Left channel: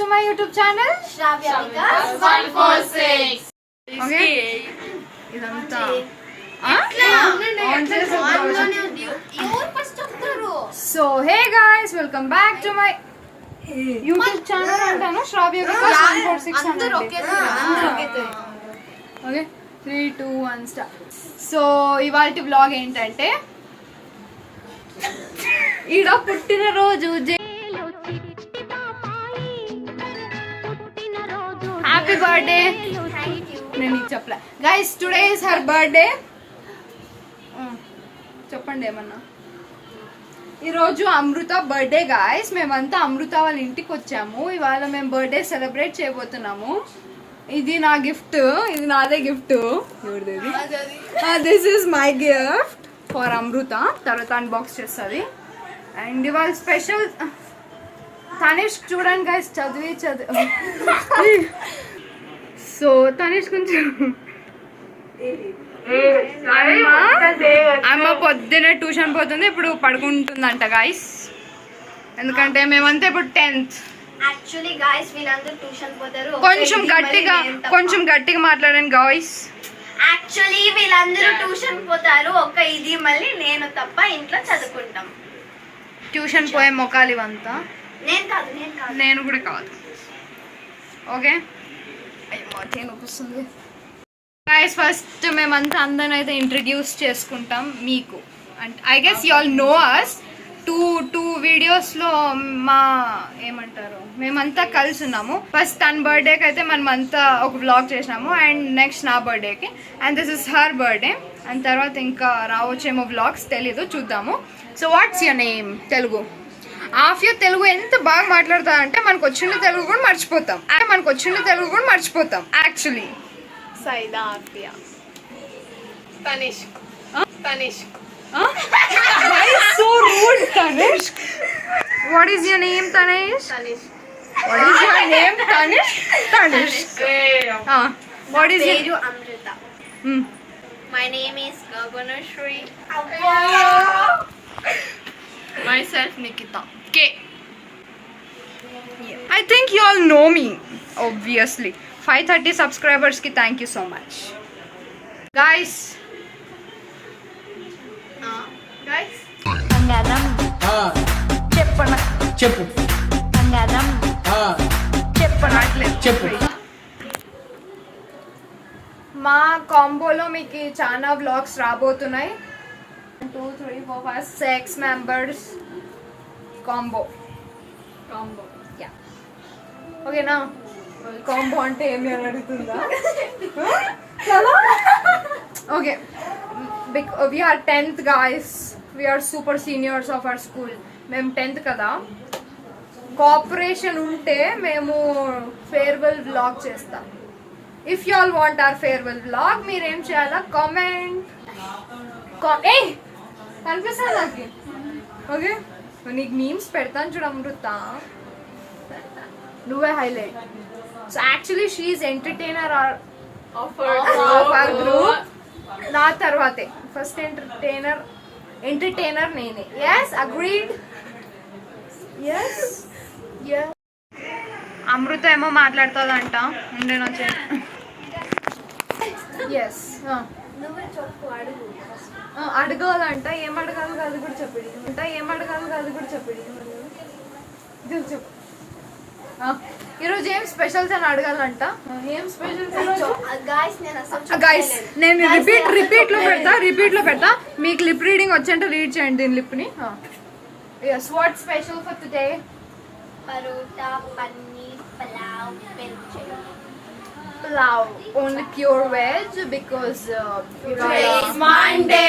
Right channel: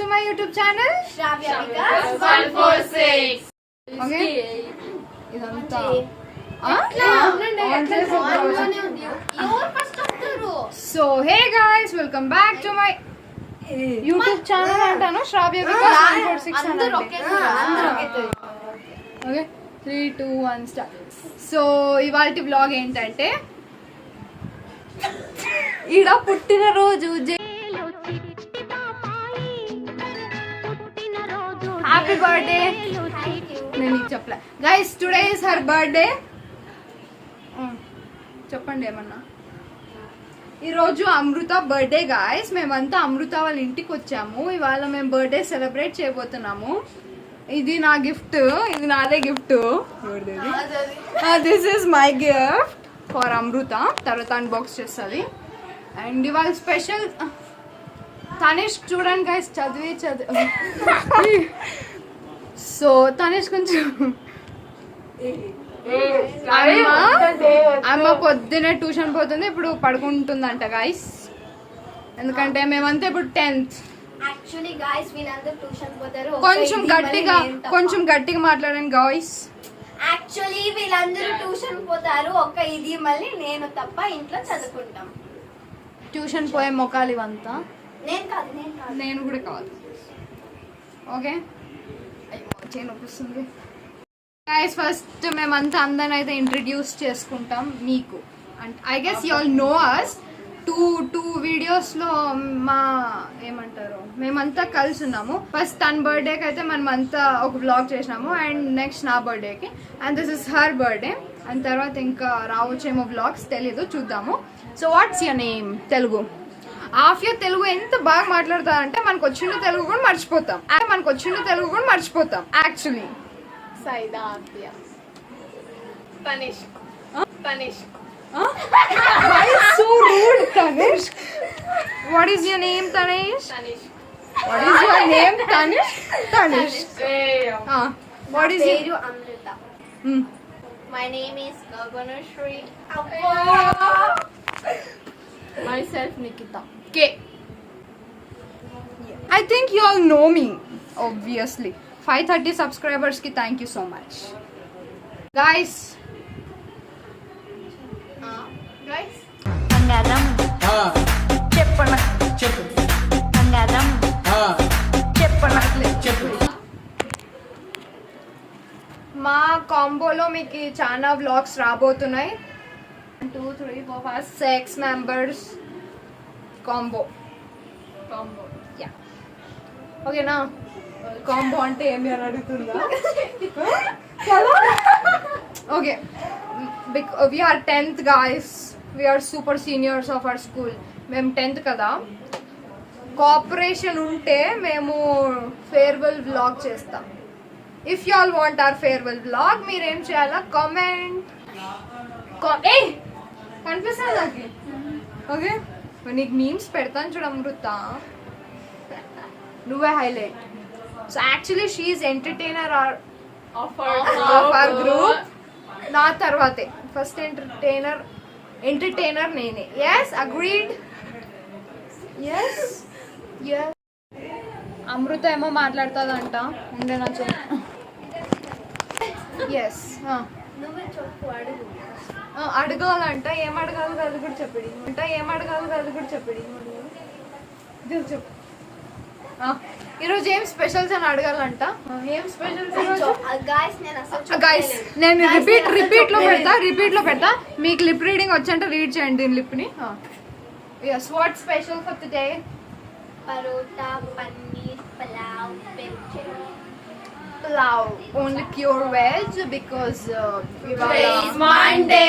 to my YouTube channel Shravya Vikas 146. Okay, ఇదంతా so hey guys welcome back to my YouTube channel అంటాను శ్రావ్య వికాస్ 146 అనండి. Okay 3 2 1 start. So ఇవాల్టి vlog ఏంటంటే ఈడ పుట్టినరోజు హ్యాపీ బర్త్డే. నేను నీకు చెప్పలే guys, today is her birthday. చెప్పండి ఏమన్నా. ఈరోజు అమృత బర్త్డే గాయస్. మేమంతా అమృత వాళ్ళ ఇంటికి వచ్చాము. ఇవాళ మేము బర్త్డే సెలబ్రేట్ చేయబోతున్నాము. ఇది నా గిఫ్ట్, ఇది నాదే gift. This is my gift for Amrita. తర్వాత అన్బాక్స్ చేస్తుంది. అండ్ ఇవాళ స్పెషల్ తనేష్ చూడండి గైస్, చదివి సో తనేష్ కొంచెం అమ్మ పొద్దునే ట్యూషన్ పోతుంది, ఇప్పుడు పడుకుంటుందంట గాయస్. ఎందుకంటే మేమంతా ఇప్పుడు 10th. యాక్చువల్లీ గాయ్స్ వీళ్ళందరూ ట్యూషన్ పోతారు. కొంచెం గట్టిగా మాట్లాడండి గాయ్స్. యాక్చువల్లీ వీళ్ళందరూ ట్యూషన్ పోతారు, ఒక ఇది మళ్ళీ నేను తప్ప ఇంట్లో చదువుకుంటాం. ట్యూషన్ పోయే మొక్కలు ఇవంతా. నేను కూడా కాదు. Okay నొప్పిస్తుంది guys. ఫస్ట్ మేమంతా అందరిని అయితే ఇంట్రడ్యూస్ చేసుకుంటాం మీకు. అంటే I guess you all know us. Two వీడియోస్లో మా ఏమంటారు మేమంతా కలిసి ఉన్నాము. ఫస్ట్ తన బర్త్డేకి అయితే మనమంతా ఒక వ్లాగ్ చేసినాము, అండ్ నెక్స్ట్ నా బర్త్డేకి, and this is her birthday. And తర్వాత ఇంకా రావచ్చేమో వ్లాగ్స్, తెలీదు, చూద్దాము. So what's your name? Telugu. ఆఫ్యూ తెలుగు ఎంత బాగా మాట్లాడుతా అంటే మనకు వచ్చిన తెలుగు కూడా మర్చిపోతాం యాక్చువల్లీ. సైదా ఆఫ్య. Tanishq. Why so rude, Tanishk? What is your name, Tanishk? What is your name, Tanishk? What is your Amrita. My name is Gaganashri. Myself Nikita. K. I think you all know me, obviously. 530 subscribers ki thank you so much. Guys. బంగారం చెప్పు బంగారం చెప్పు. మా కాంబోలో మీకు చాలా vlogs రాబోతున్నాయి. 2 3 4 5 6 members combo. Yeah ఓకేనా? Combo అంటే ఏమి అని అడుగుతుందా? Okay, we are 10th guys. We are super seniors of our school. మేము 10th కదా. కోఆపరేషన్ ఉంటే మేము ఫేర్వెల్ వ్లాగ్ చేస్తాం. If you all want hour farewell vlog, మీరేం చేయాలా? కామెంట్. కనిపిస్తుంది నాకు. ఓకే, నీకు మీమ్స్ పెడతాను చూడ అమృత, నువ్వే highlight. So actually she is entertainer of our group. నా తర్వాతే ఫస్ట్ ఎంటర్టైనర్ నేనే. Yes, agreed. ఎస్, అమృత ఏమో మాట్లాడుతుందంట. ఉండే నా ఎస్ అడగాలంట. ఏం అడగాలి అది కూడా చెప్పేది. చెప్పు. ఈరోజు ఏం స్పెషల్స్ అని అడగాలంట. ఏం స్పెషల్స్ గైస్? నేను రిపీట్ లో పెడతా. మీకు లిప్ రీడింగ్ వచ్చంటే రీడ్ చేయండి దీని లిప్ని. yes, what special for today? Parota, paneer, pulao, only pure veg because it's Monday.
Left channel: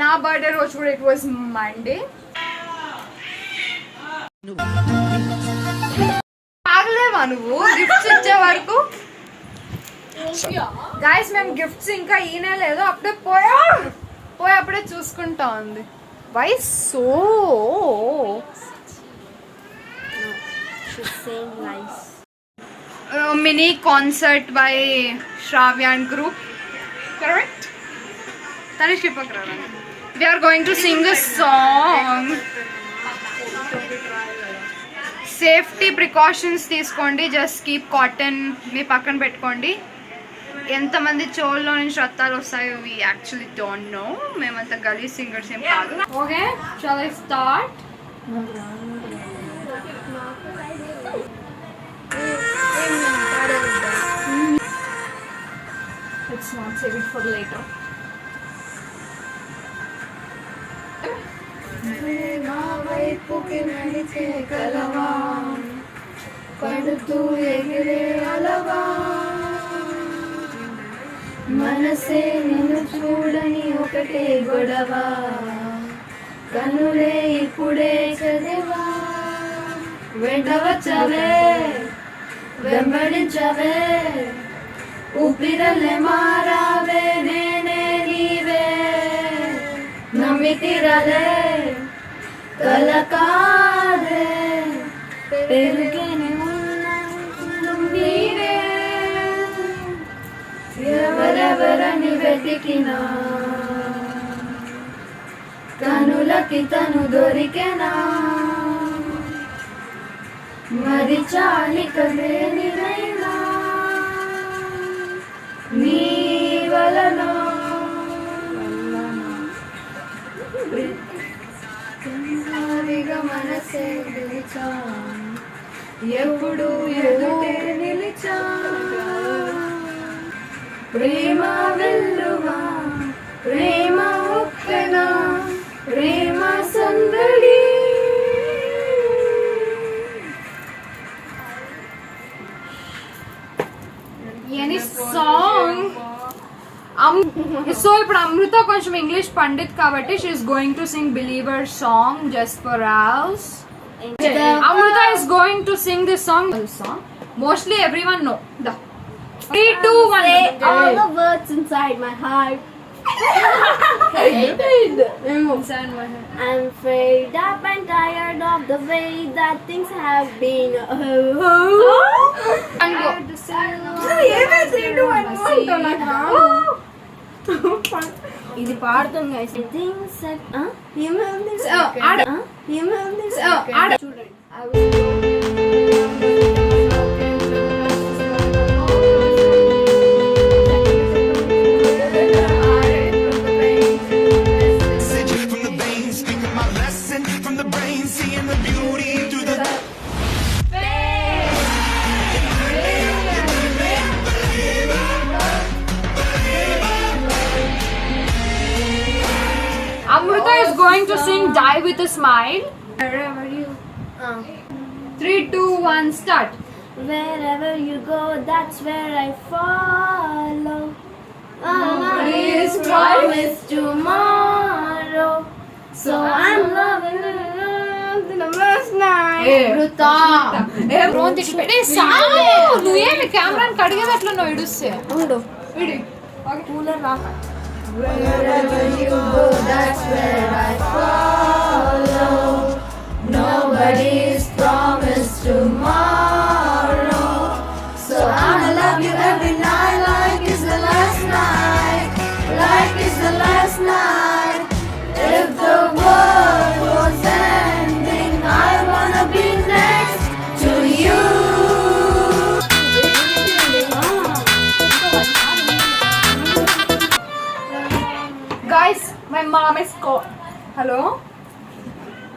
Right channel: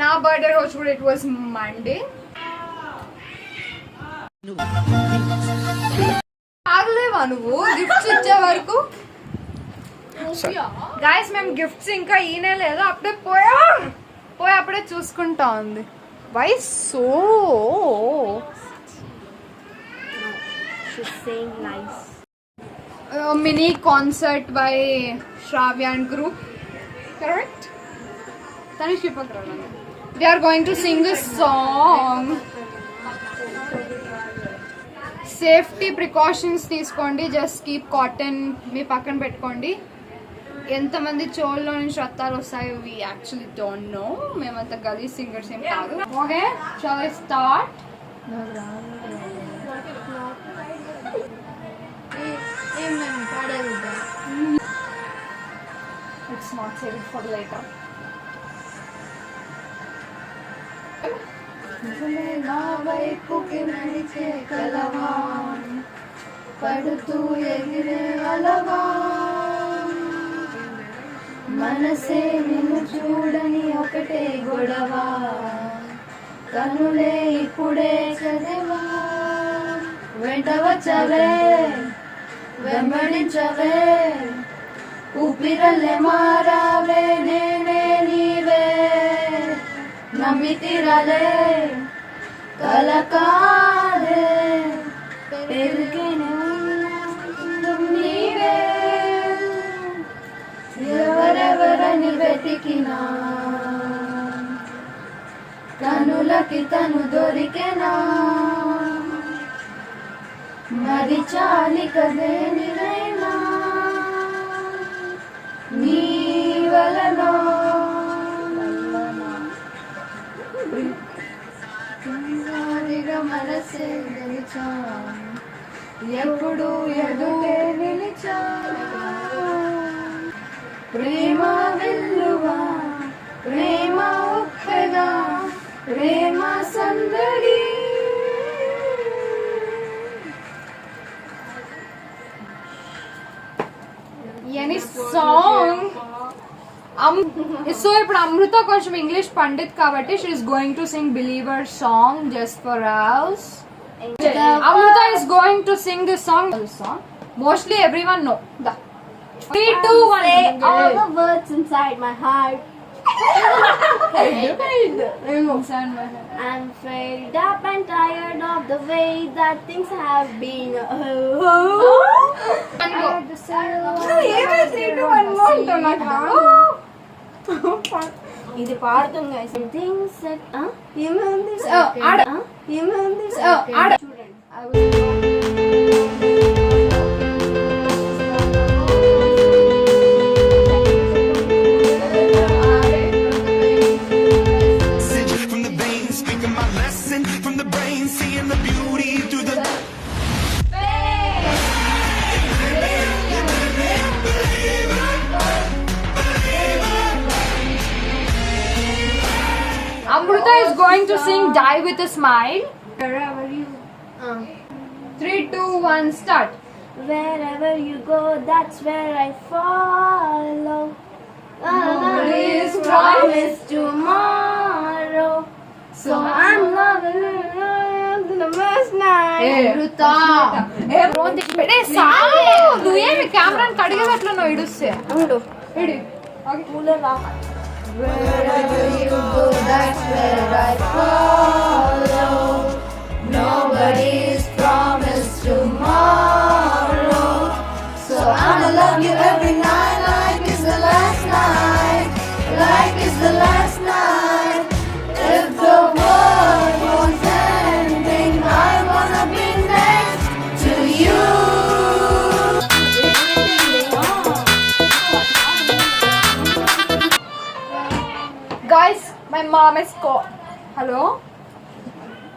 నా బర్త్డే రోజు కూడా it was Monday. ఆగలేవా నువ్వు గిఫ్ట్స్ ఇచ్చే వరకు? గాయస్ మేము గిఫ్ట్స్ ఇంకా ఈనే లేదు, అప్పుడే అప్పుడే చూసుకుంటా ఉంది. Why so mini concert by Shravya and group, correct? Tanish we are going to sing this song. Safety precautions తీసుకోండి. జస్ట్ కీప్ కాటన్ మీ పక్కన పెట్టుకోండి. ఎంతమంది చెవుల్లో నుంచి రక్తాలు వస్తాయో వి యాక్చువల్లీ డోంట్ నో. మేమంతా గలీ సింగర్స్ ఏం కాదు. Okay shall I start? It's not saved for later. నా వైపుకి నడిచే కలవా, పడుతూ ఎగిరే అలవా, మనసే నిన్ను చూడని ఒకటే గొడవ, కన్నులే ఇప్పుడే చదివా, వెంటవచ్చవే వెంబడించవే, ఊపిరల్లే మారావే నేనే నీవే, నమ్మితిరలే కలకాదే, పెరిగేనే నీవే, ఎవరెవరని వెతికినా కనులకి తను దొరికెనా, మరి చాలిక దేనినైనా నీ వలనో మనసే గెలిచా, ఎప్పుడు ఎదుటే నిలిచా, ప్రేమ వెల్లువా ప్రేమ ఉప్పెనా ప్రేమ సందడి. Any song. సో ఇప్పుడు అమృత కొంచెం ఇంగ్లీష్ పండిత్ కాబట్టి she's going to sing believer song just for us. Amrutha is going to sing this song. Mostly everyone know. 3, 2, 1. Say all the words inside my heart. I'm fed up and tired of the way that things have been. ఇది పాడుతుంది guys. Things ఏమైంది చూడండి. From the brain, seeing the beauty through the Amrita is going to sing Die with a Smile. Wherever you 3, 2, 1, start. Wherever you go, that's where I follow. Nobody's promised tomorrow, so I'm loving the first night. నువ్వేమి కెమెరాని కడిగేటట్లు నువ్వు ఇడుస్తే ఉండు ఇడి. Cooler రా. Wherever you go, that's where I follow. Nobody's promised tomorrow, so I'ma love you every night like it's the last night, like it's the last night. If the world was ending, I wanna be next to you. Guys, my mom is called. Hello?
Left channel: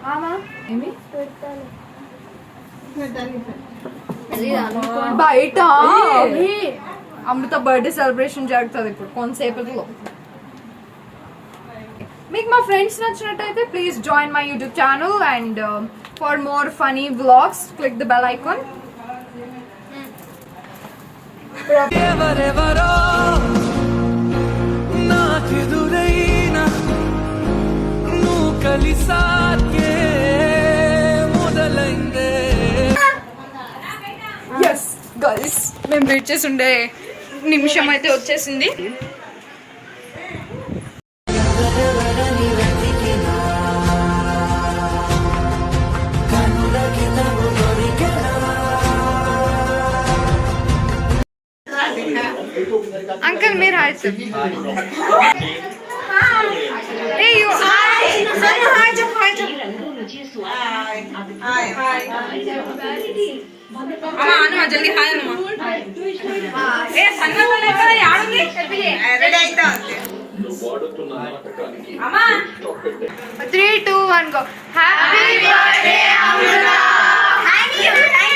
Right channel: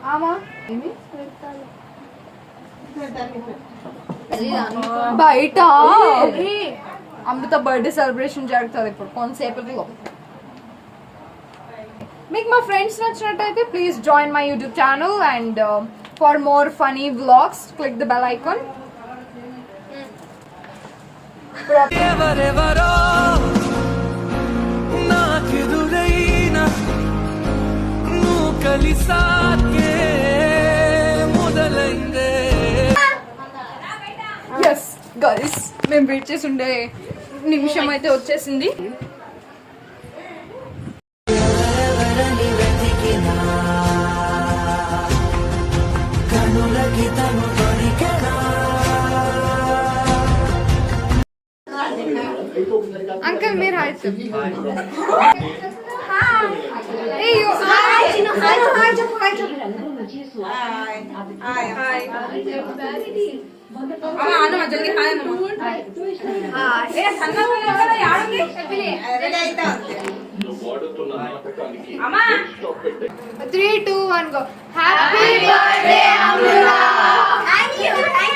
Mama? Amy? బయట అమృత birthday celebration జరుగుతుంది ఇప్పుడు కొంతసేపట్లో. మీకు మా friends నచ్చినట్టయితే please join my YouTube channel and for more funny vlogs click the bell icon. ఎవరెవరో నాకెదురైనా నువ్వు కలిసాకే మొదలైందే. ఎస్ గర్ల్స్, మేము వెయిట్ చేసి ఉండే నిమిషం అయితే వచ్చేసింది. ఎవరెవరని వెతికినా కనులకి తను దొరికెనా. అంకుల్ మీరు హాయ్ సార్. జల్దీ హాయ్ అమ్మా 3, 2, 1 go. Happy birthday, Amruta. Thank you. Thank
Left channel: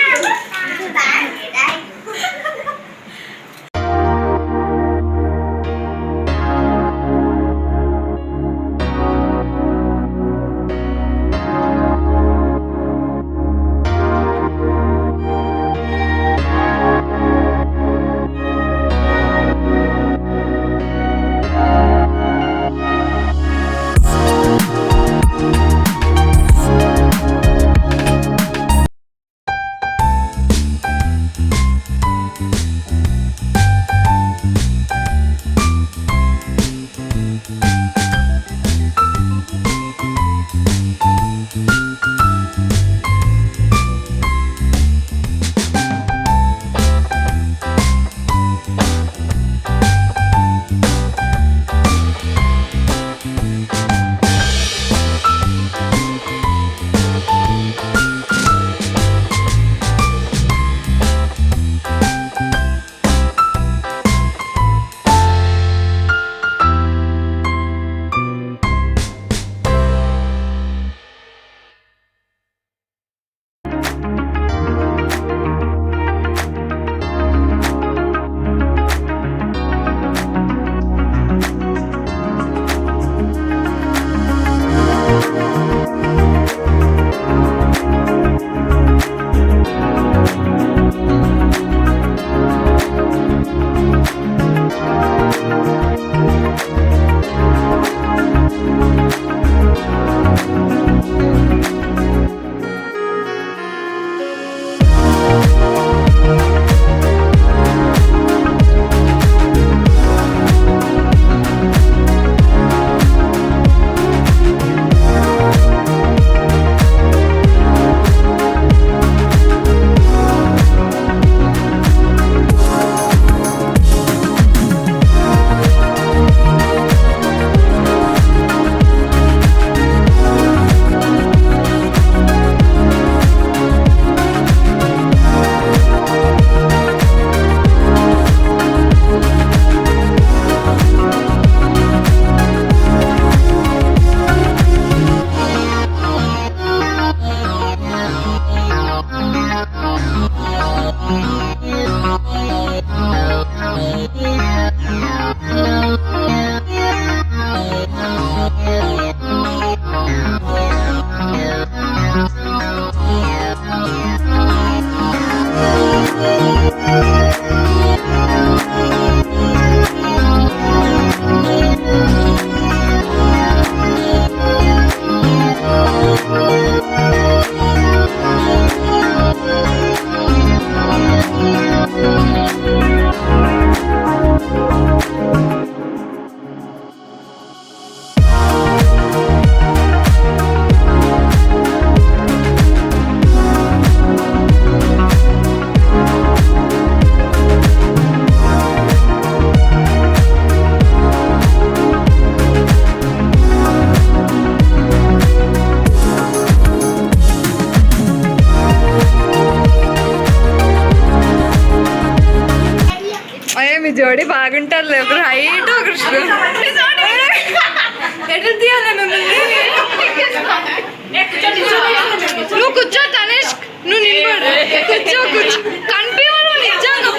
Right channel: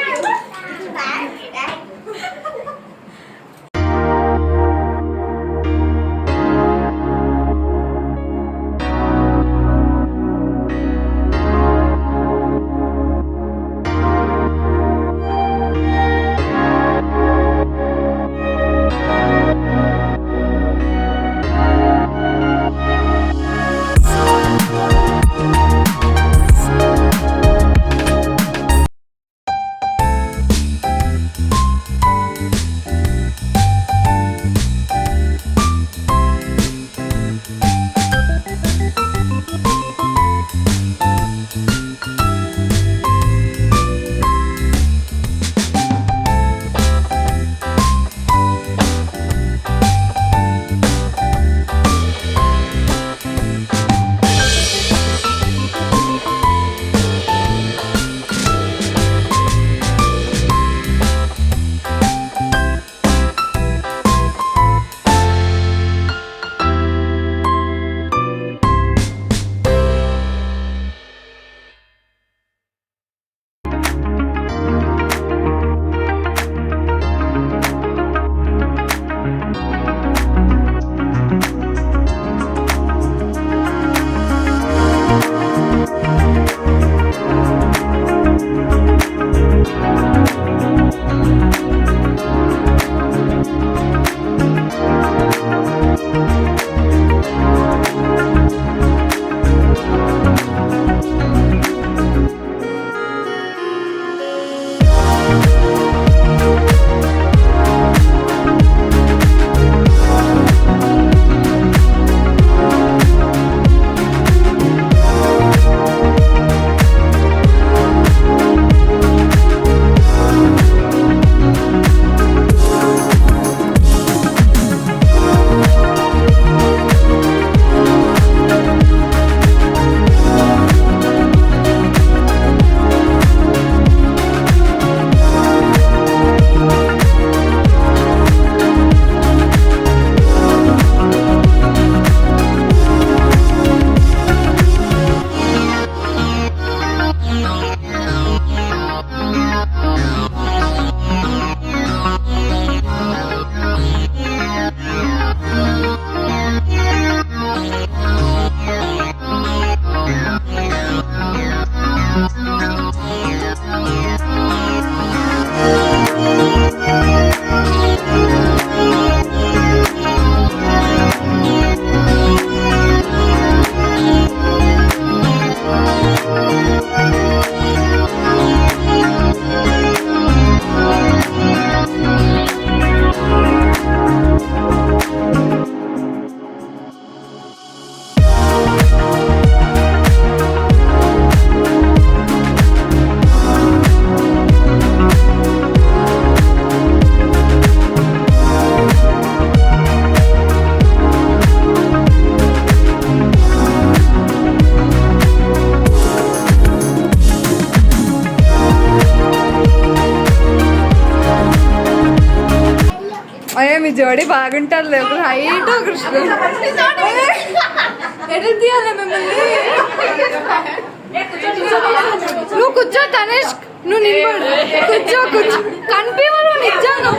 you. అయ్యా మీ జోడి బాగుంటారులే, ఒకరు హైట్ ఒకరు ఎటు తీయాలి మిమ్మల్ని. నువ్వు కూర్చో తనేష్, నువ్వు నిలబడు, కూర్చో కనిపించాలి నిజంగా.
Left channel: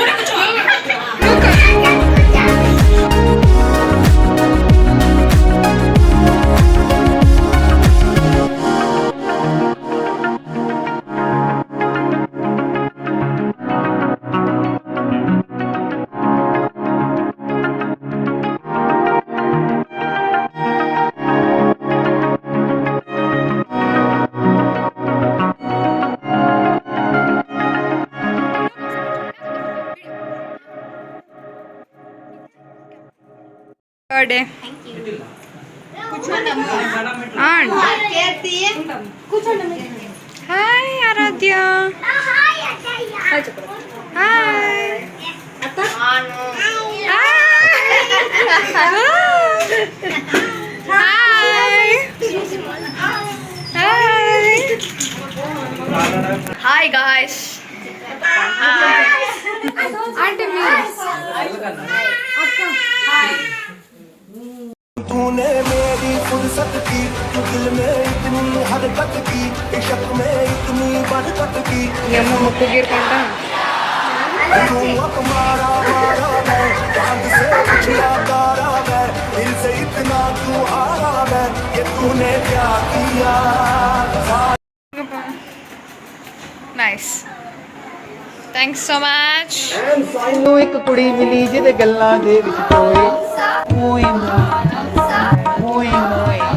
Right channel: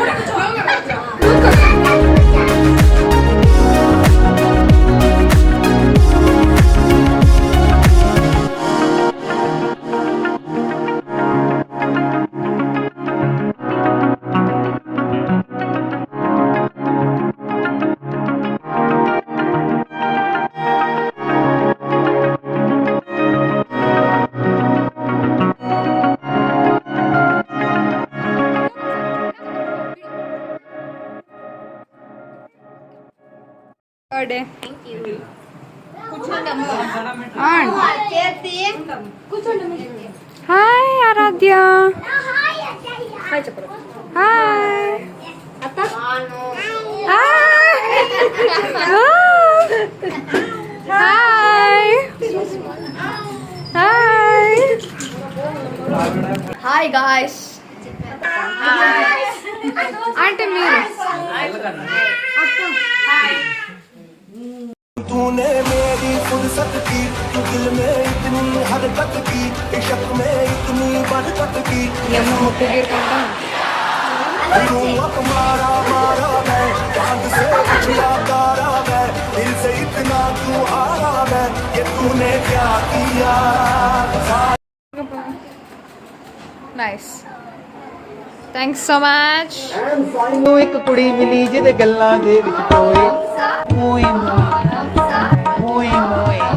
Birthday hi Aaradhya. Hi hi guys. అంటే మీరు तूने मेरी फुर्सत की, तू दिल में इतनी हरकत की, इश्क में इतनी बरकत की, ముక్కు గీరుకుంటా तू अब मारा मारा मैं चांद से पिछड़ा तारा मैं, दिल से इतना तू हारा मैं, ये तूने क्या किया. నైస్. Thanks so much. ਨੂੰ ਇੱਕ ਕੁੜੀ ਮਿਲੀ ਜਿਹਦੇ ਗੱਲਾਂ ਦੇ ਵਿੱਚ ਟੋਏ ਮੋਏ ਮੋਏ ਮੋਏ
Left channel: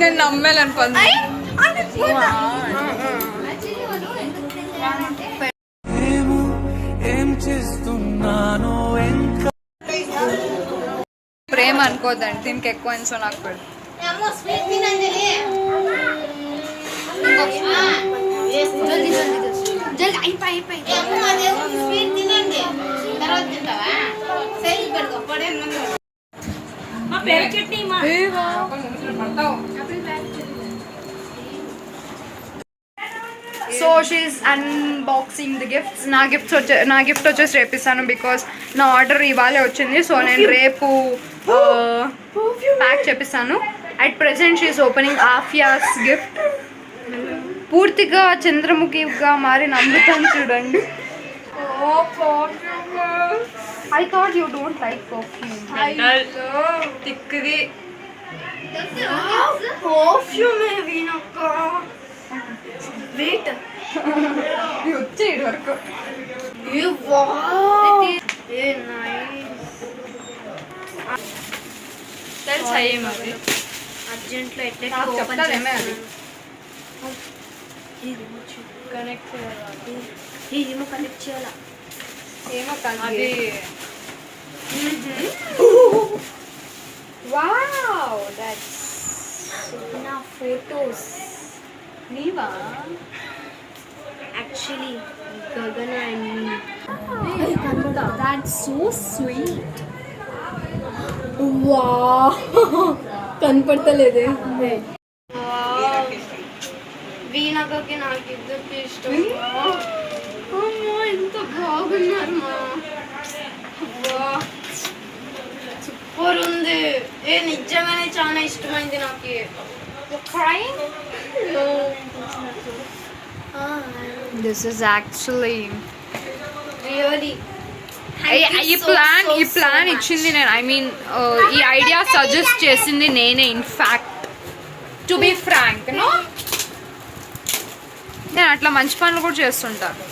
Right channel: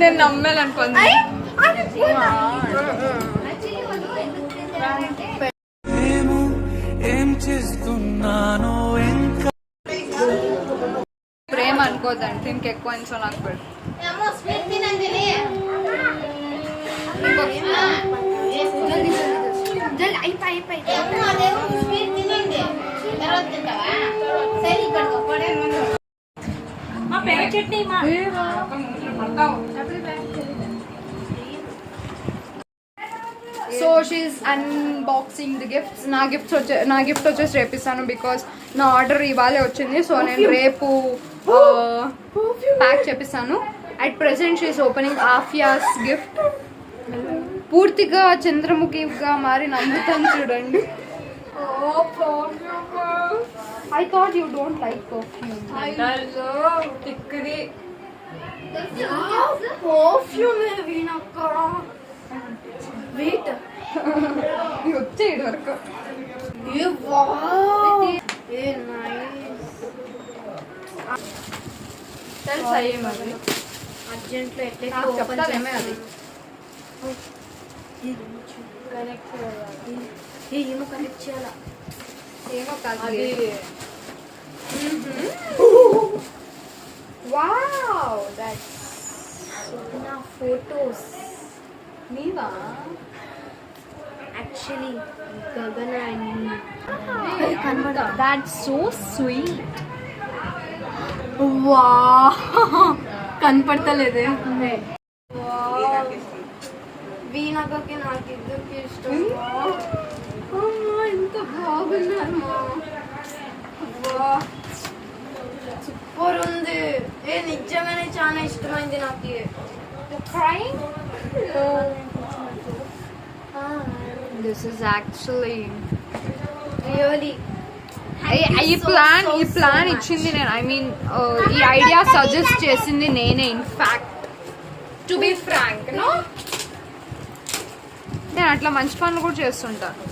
నేను నమ్మాలనుకుంది. ఏం చేస్తున్నానో ఇంకా ప్రేమ అనుకోద్దండి, దీనికి ఎక్కువ సో నాకు పెడు. మా పేరు చట్నీ మా so she's unboxing the gifts. నా గిఫ్ట్ వచ్చేసి రేపు ఇస్తాను, బికాస్ నా ఆర్డర్ ఇవాళే వచ్చింది. సో నేను రేపు ప్యాక్ చేపిస్తాను. At present she is opening of yours gift. పూర్తిగా చంద్రముఖిగా మారిన అమృతం చూడండి. I thought you don't like perfume. తిక్కది వచ్చే ఇటు వరకు. తెలుసా ఏమది? అర్జెంట్లో నాకు చెప్తాదేమే అది. ఏమో కనెక్ట్ చేయాలా ఏమో కాదు అది. వావ్, దట్స్ నా ఫోటోస్ నీవా? యాక్చువల్లీ గగన and me. That's so sweet. వా కనపడతలేదే. వీణకి నాకు ఇద్దరికి ఇష్టం. అమ్మా ఎంత బాగున్నారు మా. సూపర్ ఉంది. నిజంగానే చాలా ఇష్టమైంది నాకు. Crying? This is actually really ఈ ప్లాన్ ఇచ్చింది నేను. ఐ మీన్ ఈ ఐడియా సజెస్ట్ చేసింది నేనే. In fact to be frank no, నేను అట్లా మంచి పనులు కూడా చేస్తుంటాను.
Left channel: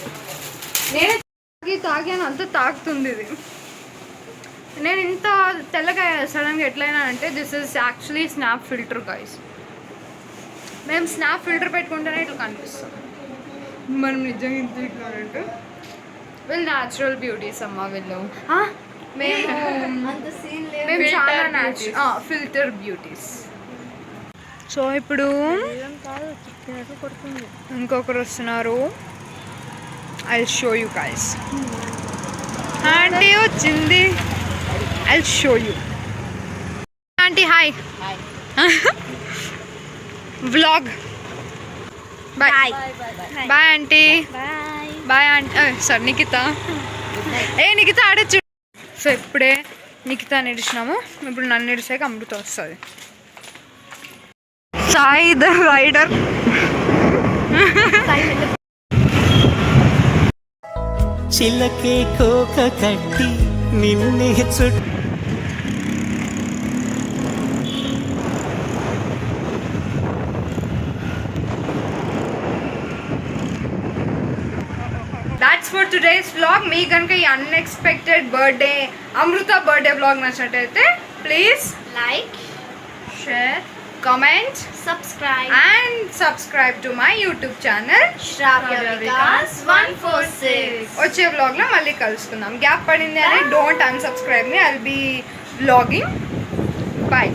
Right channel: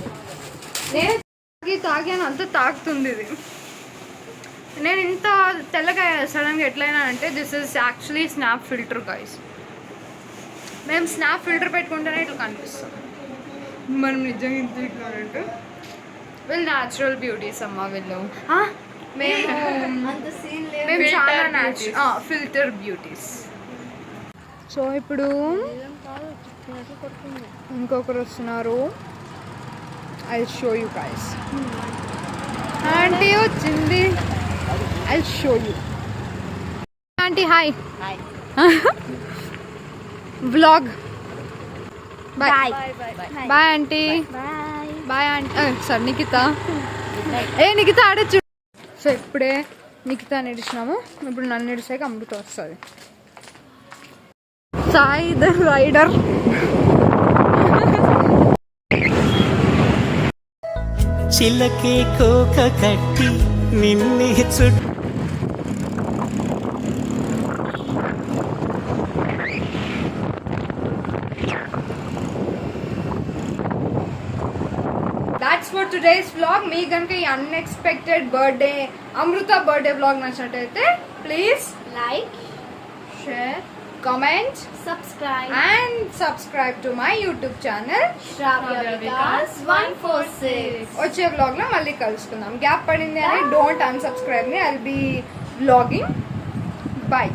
నేను తాగాను, అంత తాగుతుంది ఇది. నేను ఇంత తెల్లగా సడన్గా ఎట్లయినా అంటే this is actually snap filter guys. మేము స్నాప్ ఫిల్టర్ పెట్టుకుంటేనే ఇట్లా కనిపిస్తాం. మనం నిజంగా ఇంత ఇట్లా అంటే వీళ్ళు న్యాచురల్ బ్యూటీస్ అమ్మ. వీళ్ళు మేము అంత సీన్ లేదు. మేము చాలా ఫిల్టర్ బ్యూటీస్. సో ఇప్పుడు ఇంకొకరు వస్తున్నారు. I show you guys. Aunty వచ్చింది. I show you. Aunty hi. Vlog. Bye bye aunty. Bye aunty. Sir Nikhita. Nikhita ఆడచ్చు. సో ఇప్పుడే నిఖిత నిడిచినాము. ఇప్పుడు నన్ను నిడిచాక అమృత వస్తుంది. Sai the rider. చిలకే కోక కట్టి నిన్నే చుట్టూ దాట్స్ ఫర్ టుడేస్ వ్లాగ్. మీ కనుక ఈ unexpected birthday Amrutha birthday vlog నచ్చినట్టయితే please like, share, comment, subscribe to my YouTube channel Shravya Vikas 146. వచ్చే వ్లాగ్ లో మళ్ళీ కలుసుకుందాం. గ్యాప్ పడింది అని డోంట్ అన్సబ్స్క్రైబ్ మీ. I will be vlogging. Bye.